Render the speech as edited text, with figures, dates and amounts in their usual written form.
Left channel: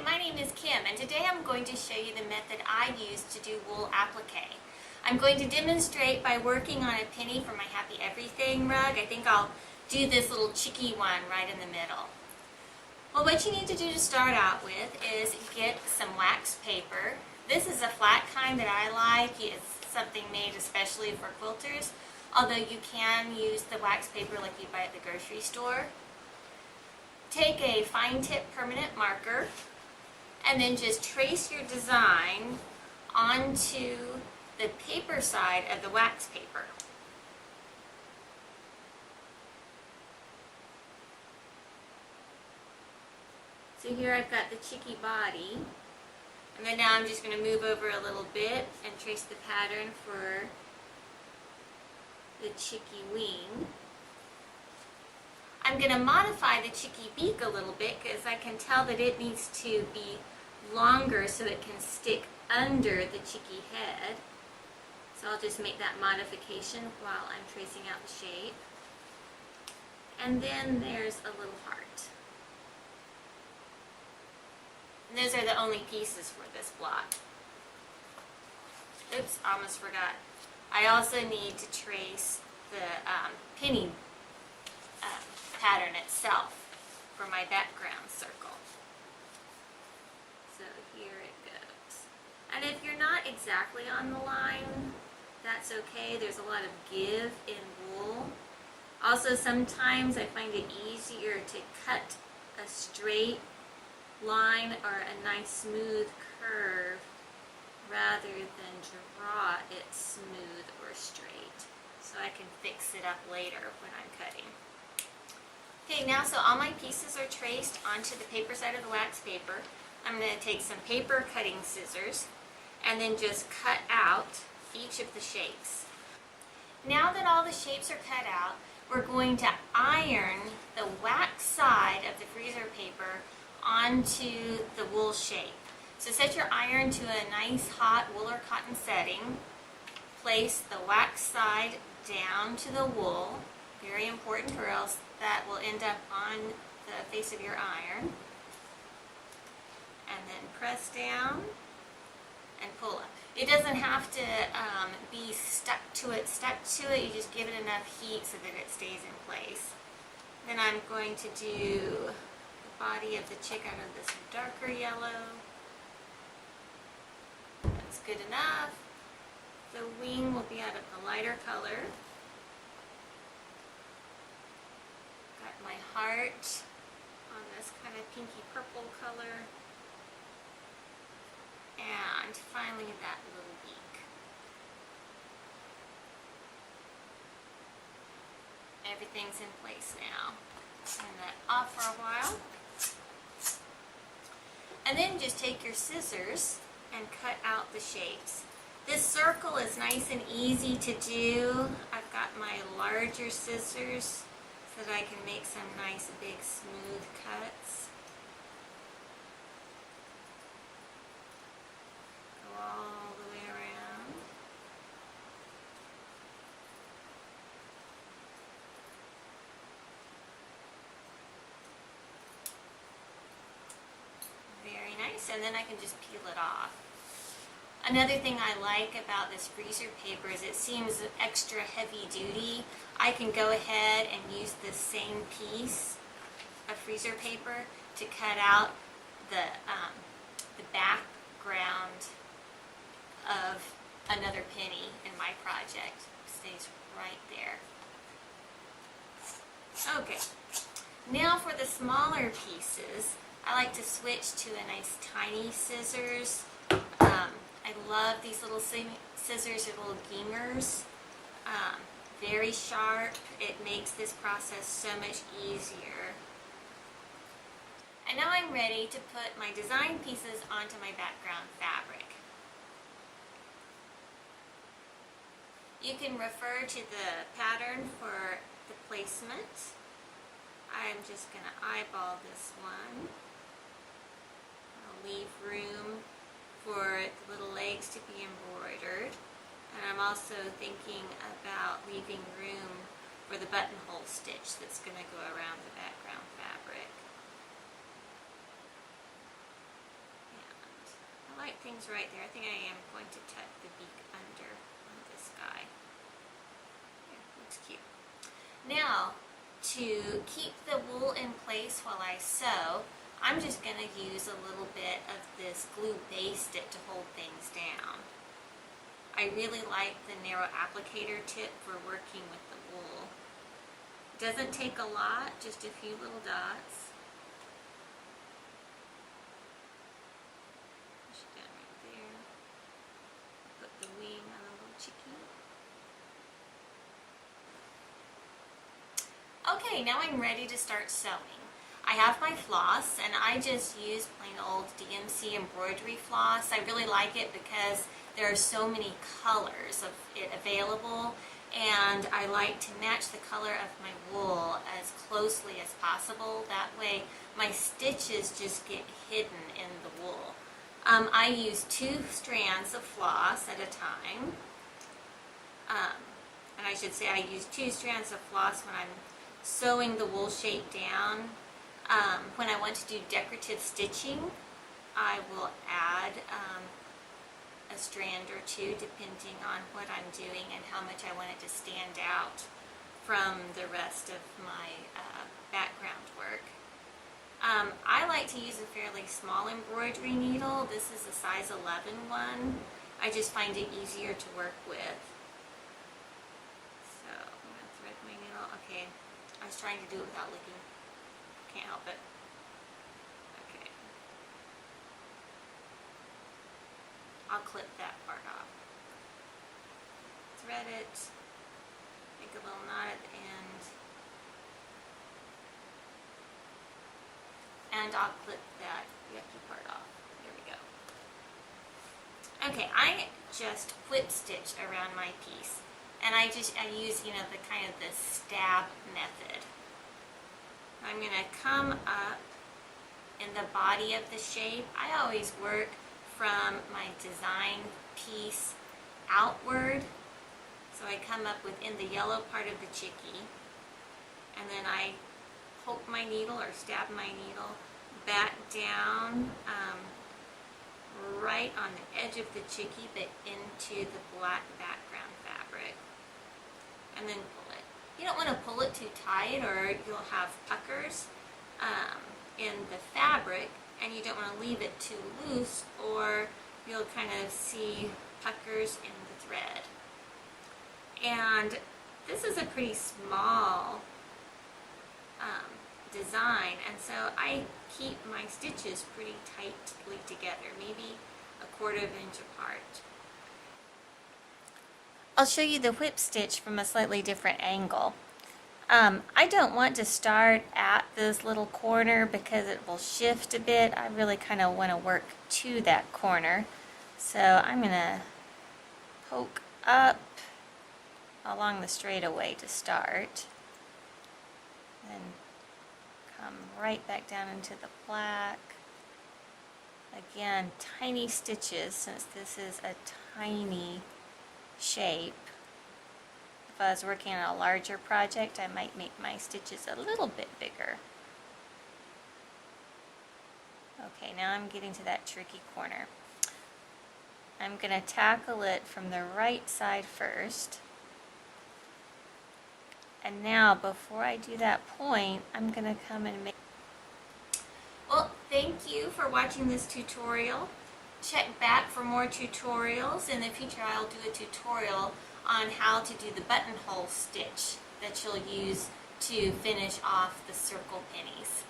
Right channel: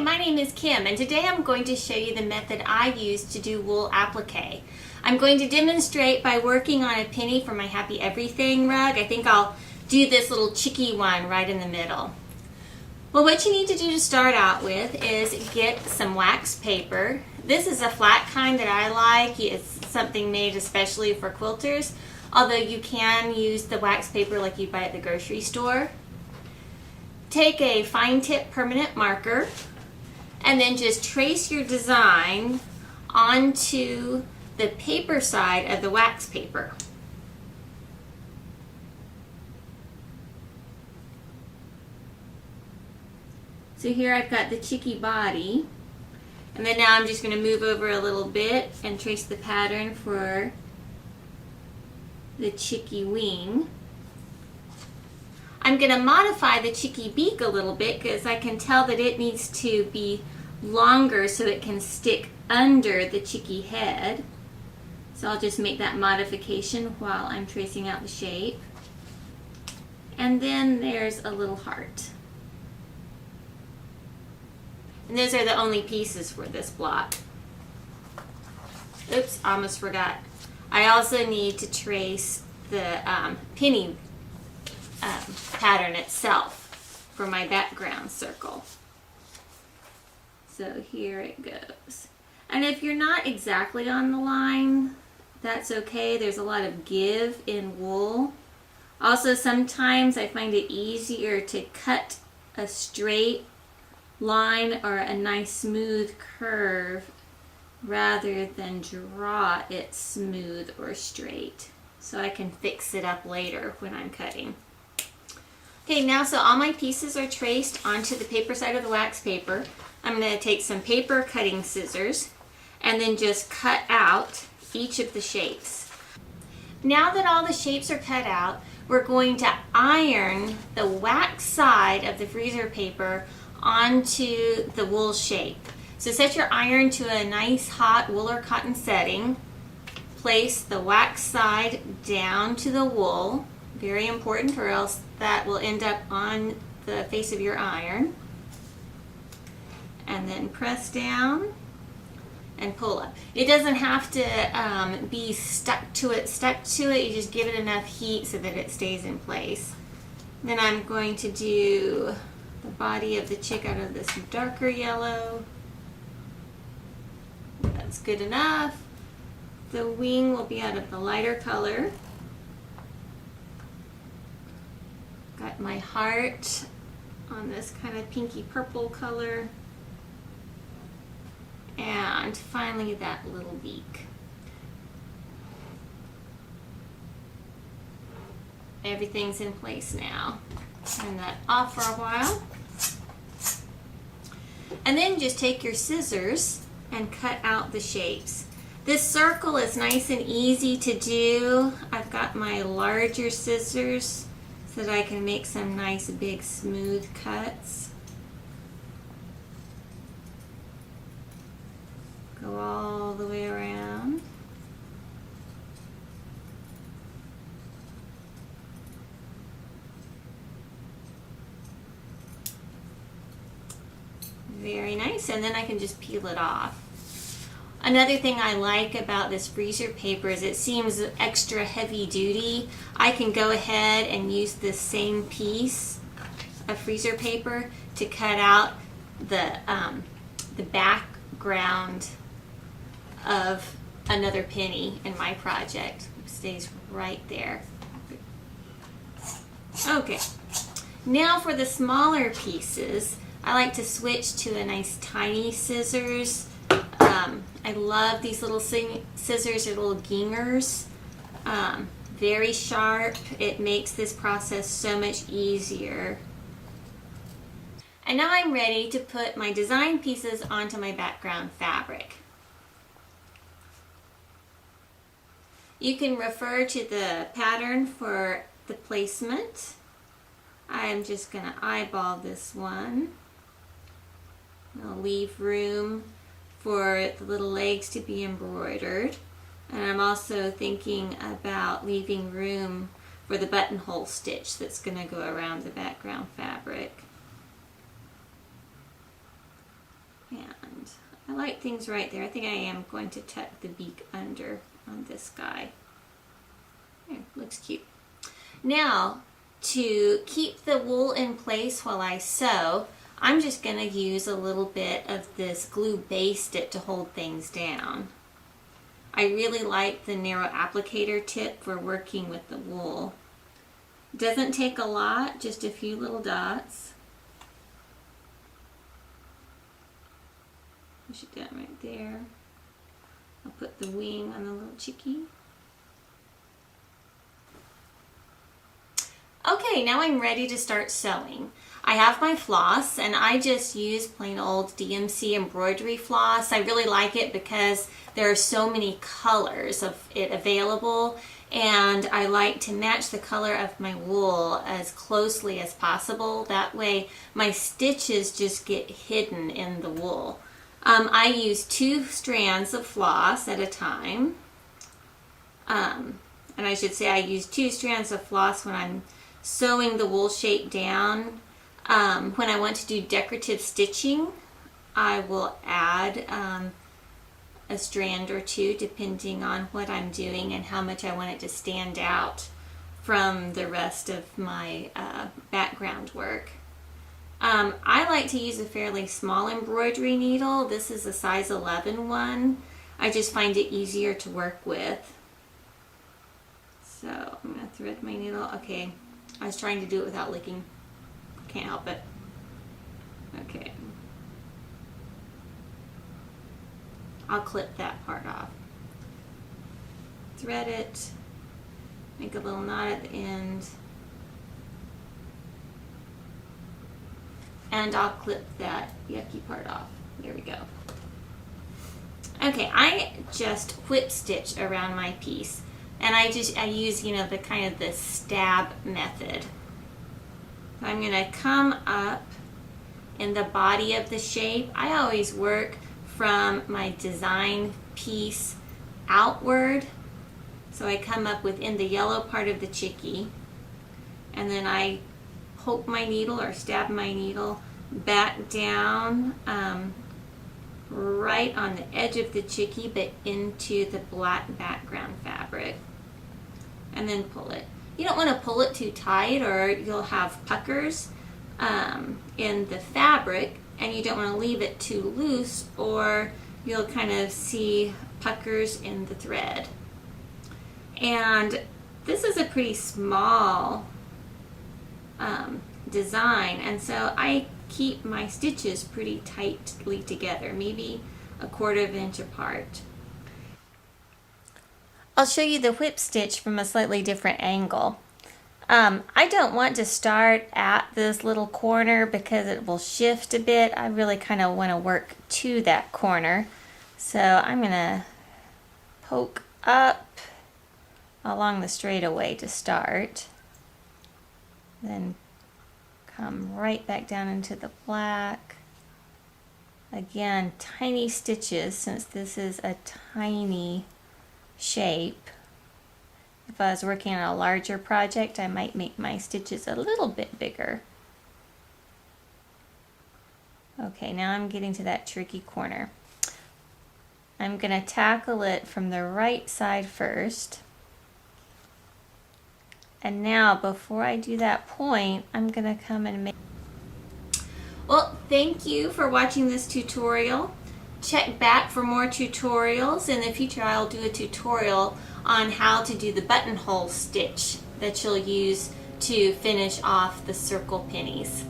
my name is Kim, and today I'm going to show you the method I use to do wool applique. I'm going to demonstrate by working on a penny for my Happy Everything rug. I think I'll do this little chicky one right in the middle. Well, what you need to do to start out with is get some wax paper. This is a flat kind that I like. It's something made especially for quilters, although you can use the wax paper like you buy at the grocery store. Take a fine tip permanent marker and then just trace your design onto the paper side of the wax paper. So here I've got the chicky body, and then now I'm just going to move over a little bit and trace the pattern for the chicky wing. I'm going to modify the chicky beak a little bit because I can tell that it needs to be longer so it can stick under the chicky head. So I'll just make that modification while I'm tracing out the shape. And then there's a little heart. And those are the only pieces for this block. Oops, almost forgot. I also need to trace the penny pattern itself for my background circle. So here it goes. And if you're not exactly on the line, that's okay. There's a lot of give in wool. Also, sometimes I find it easier to cut a straight line or a nice smooth curve rather than draw it smooth or straight, so I can fix it up later when I'm cutting. Okay, now so all my pieces are traced onto the paper side of the wax paper. I'm going to take some paper cutting scissors and then just cut out each of the shapes. Now that all the shapes are cut out, we're going to iron the wax side of the freezer paper onto the wool shape. So set your iron to a nice hot wool or cotton setting. Place the wax side down to the wool. Very important, or else that will end up on the face of your iron. And then press down and pull up. It doesn't have to be stuck to it. You just give it enough heat so that it stays in place. Then I'm going to do the body of the chick out of this darker yellow. That's good enough. The wing will be out of the lighter color. Got my heart on this kind of pinky purple color. And finally that little beak. Everything's in place now. Turn that off for a while. And then just take your scissors and cut out the shapes. This circle is nice and easy to do. I've got my larger scissors so that I can make some nice big smooth cuts. Go all the way around. Very nice, and then I can just peel it off. Another thing I like about this freezer paper is it seems extra heavy duty. I can go ahead and use this same piece of freezer paper to cut out the background of another penny in my project. It stays right there. Okay, now for the smaller pieces, I like to switch to a nice tiny scissors. I love these little scissors, they're little gingers. Very sharp. It makes this process so much easier. And now I'm ready to put my design pieces onto my background fabric. You can refer to the pattern for the placement. I'm just going to eyeball this one. I'll leave room for the little legs to be embroidered. And I'm also thinking about leaving room for the buttonhole stitch that's going to go around the background fabric. I like things right there. I think I am going to tuck the beak under on this guy. There, looks cute. Now, to keep the wool in place while I sew, I'm just going to use a little bit of this glue base stick to hold things down. I really like the narrow applicator tip for working with the wool. It doesn't take a lot, just a few little dots. Push it down right there. I'll put the wing on the little chickie. Okay, now I'm ready to start sewing. I have my floss, and I just use plain old DMC embroidery floss. I really like it because there are so many colors of it available, and I like to match the color of my wool as closely as possible. That way my stitches just get hidden in the wool. I use 2 strands of floss at a time. And I should say I use 2 strands of floss when I'm sewing the wool shape down. When I want to do decorative stitching, I will add a strand or 2 depending on what I'm doing and how much I want it to stand out from the rest of my background work. I like to use a fairly small embroidery needle. This is a size 11 one. I just find it easier to work with. So I'm going to thread my needle. Okay, I was trying to do it without licking. Can't help it. Okay. I'll clip that part off. Thread it. Make a little knot at the end. And I'll clip that yucky part off. There we go. Okay, I just whip stitch around my piece. And I use, you know, the kind of the stab method. I'm going to come up in the body of the shape. I always work from my design piece outward. So I come up within the yellow part of the chickie, and then I poke my needle or stab my needle back down right on the edge of the chickie, but into the black background fabric, and then pull it. You don't want to pull it too tight or you'll have puckers in the fabric, and you don't want to leave it too loose or you'll kind of see puckers in the thread. And this is a pretty small design, and so I keep my stitches pretty tightly together, maybe a 1/4 inch apart. I'll show you the whip stitch from a slightly different angle. I don't want to start at this little corner because it will shift a bit. I really kind of want to work to that corner. So I'm going to poke up along the straightaway to start. Then come right back down into the black. Again, tiny stitches since this is a tiny shape. If I was working on a larger project, I might make my stitches a little bit bigger. Okay, now I'm getting to that tricky corner. I'm going to tackle it from the right side first. And now, before I do that point, I'm going to come and make... Well, thank you for watching this tutorial. Check back for more tutorials. In the future, I'll do a tutorial on how to do the buttonhole stitch that you'll use to finish off the circle pennies.